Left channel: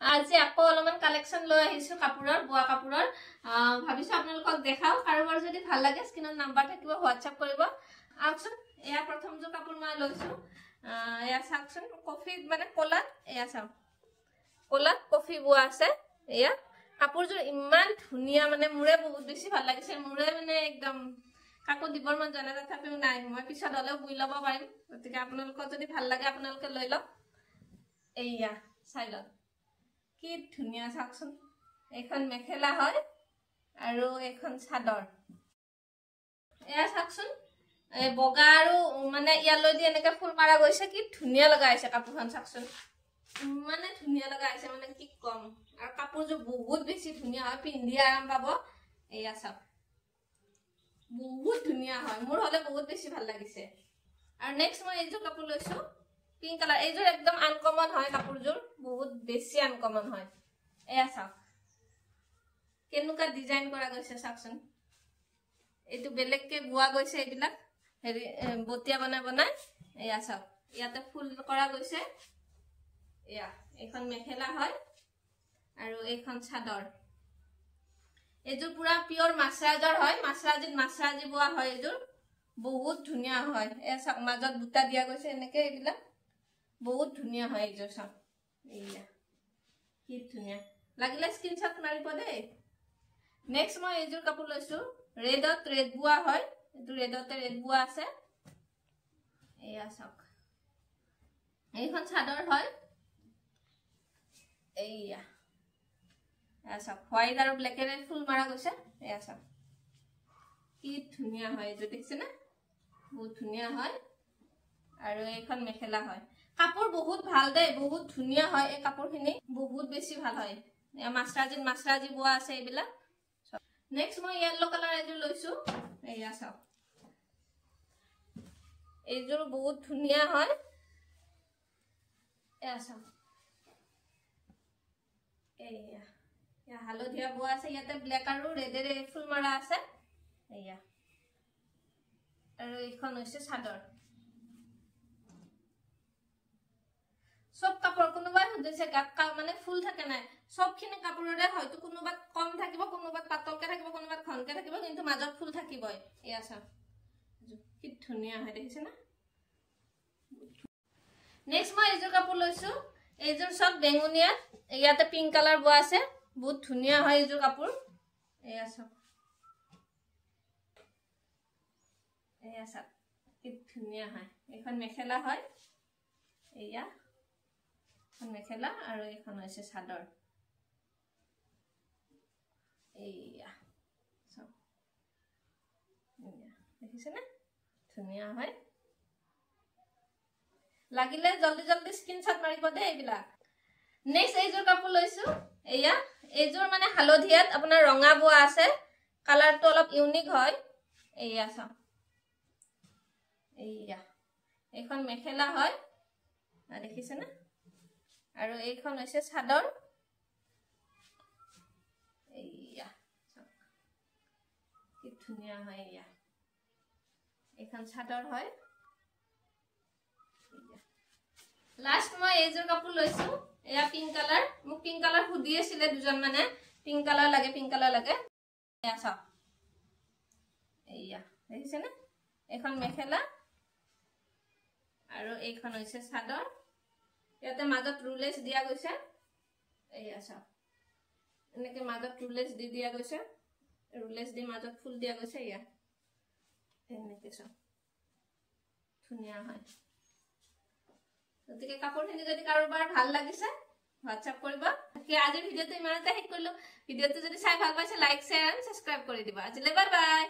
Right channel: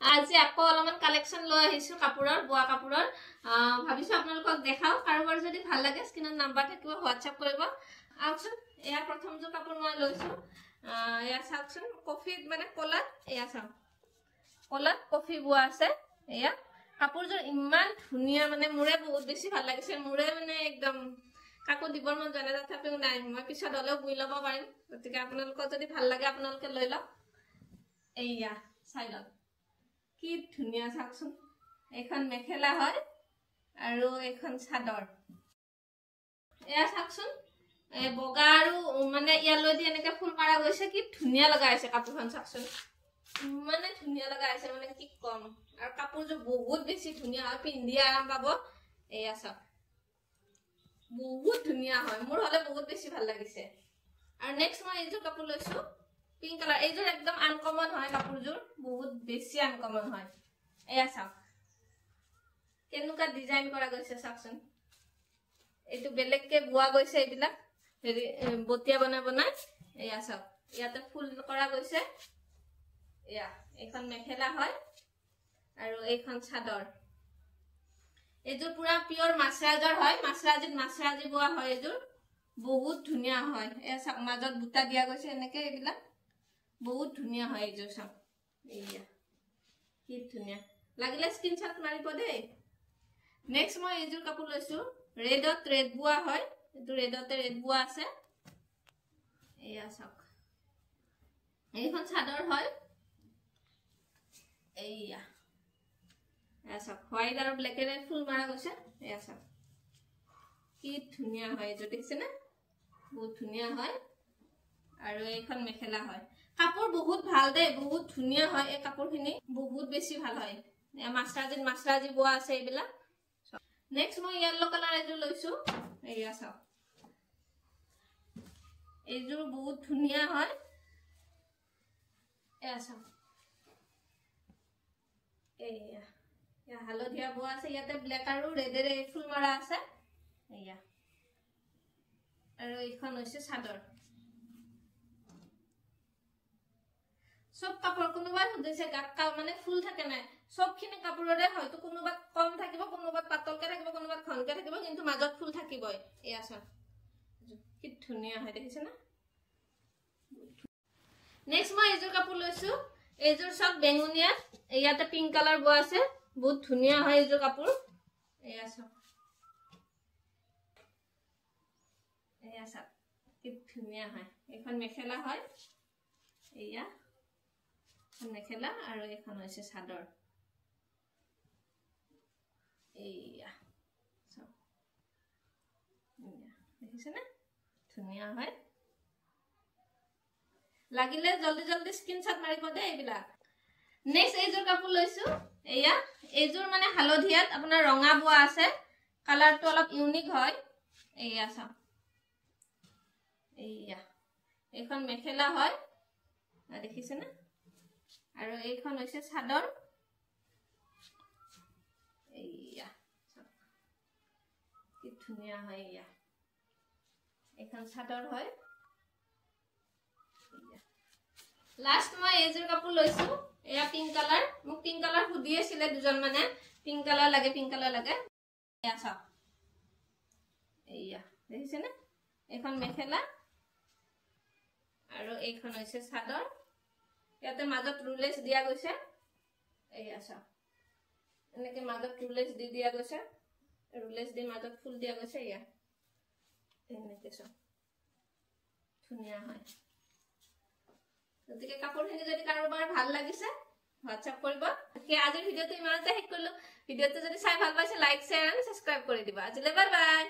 আজি আকৌ অলপমান কালেকশন লৈ আহিছো কাপোৰৰ বোৱা কাপোৰৰ ভাবিছো আপোনালোকক দেখাও কাৰোবাৰ যদি ভাল লাগে স্ক্ৰিনত নাম্বাৰ থাকিব হোৱাটসঅ্যাপ কৰিব আউকচোন এয়া প্ৰথমটো কাপোৰ মই লৈছো এয়া চাওকচোন কফি মানে কলাত এয়া চাও কলাত কফি বোৱা আছে এয়া কাপোৰযোৰ ইমান ধুনিয়া মানে মুৰে বহুত বেছি ভাল লাগিছে মুৰে মানে একদম কাকো দিবৰ মন জানে তথাপিও নাই মই পিছত হলেও বুই লব পাৰিম গতিকে আপোনালোকৰ যদি ভাল লাগে আপোনালোকে লৈ লওক এয়া চাই লওক কি ধুনিয়া চাওকচোন এখন মেখেলা হয় আৰু এখন চাদৰ এয়া চাওকচোন এই বগা আৰু মানে ইয়ালৈ দি এনেকৈ ফুল মাৰা গৈছে কি ধুনিয়া লগা আছে কাপোৰখন চাওকচোন মানে ধুনিয়া লগা আছে মানে কি কম আৰু কাপোৰযোৰ বহুত বেছি ধুনিয়া হয় পিন্ধি আৰাম পাব এয়া চাওক বহুত ধুনিয়া হয় মোৰ হলে বহুত বেছি ভাল লাগিছে আৰু নেক্সট মই এইযোৰ কাপোৰ লৈছো পিংক কালাৰ এইযোৰ একদম আনকমন হয় কাপোৰযোৰ বহুত বেছি আনকমন হয় এয়া চাওক কেনেকুৱা ডিজাইন কৰা গৈছে চাওকচোন এইটো বেলেগকে বোৱা গৈছে এইবিলাক হেৰি বটিয়া বনাই বনাই এয়া চাওক ইয়াতে ফুল কৰা গৈছে এয়া এখন মেখেলা হয় আৰু এইখন চাদৰ এইযোৰ পুৰা পিওৰ মাছৰাজৰ হয় মাছৰাজি বোৱা হয় এইযোৰ বহুত ধুনিয়া হয় এ চাওক মাজত বুটা দিয়া গৈছে এনেকে এইবিলাক বহুত ধুনিয়া হয় এইযোৰ চাওক এয়া কি ধুনিয়া লাগিলে স্ক্ৰিনশ্বট মাৰিব দেই নেক্সট মই এইযোৰ কাপোৰ লৈছো ৰেডত ৰেড বোৱা হয় এইটো ৰেডতে ৰেড বোৱা আছে এয়া চাওক এইখন চাদৰ হয় এয়া চাওক হোৱাইট আৰু ব্লেকেৰে ফুল মাৰা গৈছে এয়া চাওক কি ধুনিয়া হয় এইটো দেখিছেনে বহুত ধুনিয়া হয় আৰু এইখন মেখেলা হয় কাপোৰ বহুত ভাল দেই বহুত ধুনিয়া হয় এই কাপোৰখিনি বহুত বেছি ভাল হয় মাছৰাজি বোৱা আছে এইবিলাক নেক্সট মই ইয়েলো কালাৰ এইযোৰ লৈছো এয়া চাওক এইযোৰ বহুত ধুনিয়া হয় এয়া চাওক এয়া হালধীয়া বোৱা আছে ইয়াতে ব্লেক আৰু ৰেডেৰে ফুল মাৰা আছে এয়া আৰু এইখন হৈছে চাদৰ সব কাপোৰ কোনোবাই সুধিছে গাত মানে ফুল থাকে নাই সবখিনি কাপোৰৰে হয়তো কোনোবাত কম থাকিব কোনোবাত পাতলকে থাকিব কোনোবাত ঘনকে থাকিব কিন্তু মাজত ফুল থাকিবই এয়া চাওক কি ধুনিয়া হয় দেখিছে না নেক্সট মই এইযোৰ কাপোৰ লৈছো এইযোৰ সব বেঙুনিয়া ইয়াতে পিংক কালাৰ বোৱা আছে বহুত ধুনিয়া হয় এইযোৰ কাপোৰ এয়া চাওক কি ধুনিয়া হয় এখন মেখেলা হয় এয়া মেখেলা আৰু এখন হৈছে চাদৰ এয়া চাওক দেখিছে না ধুনিয়া হয় লাগিলে জলদি জলদি স্ক্ৰিনশ্বট মাৰিব দেই এইবিলাক নেক্সট এইযোৰ কাপোৰ লৈছো এয়া এইযোৰ মানে হালধীয়াত আপোনাৰ ৰঙা বোৱা আছে কালাৰটো অলপ ইউনিক হয় এয়া চাওক এয়া এইখন মেখেলা হয় দেখিছে না আৰু এইখন হৈছে চাদৰ এয়া কি ধুনিয়া হয় এয়া এইখন চাদৰ হয় লাষ্ট মই এইযোৰ কাপোৰ লৈছো এয়া পিংক কালাৰ মোক পিংক কালাৰ সুধি আছিলে দুজন মানে পিংক কালাৰ লাগে এয়া চাওক এয়া দেখিছে না এখন মেখেলা আৰু এইখন হৈছে চাদৰ ইয়াতে মাজত ৰুলেছ দিয়া গৈছে এয়া চাওক এনেকে মাজত ৰুলেছ দি দিয়া গৈছে ৰুলেছ দি মাজত ফুল দিয়া গৈছে এয়া এনেকে চাওক ধুনিয়া হয় গতিকে কাপোৰখিনি যদি কাৰোবাৰ ভাল লাগিছে হোৱাটসঅ্যাপ কৰিব আজিৰ ভিডিঅ'টো ইমানতে শেষ কৰিলো ভিডিঅ'টো যদি চাই ভাল পাইছে লাইক শ্বেয়াৰ আৰু সাবস্ক্ৰাইব কৰি দিবা আজিলৈ বাই বাই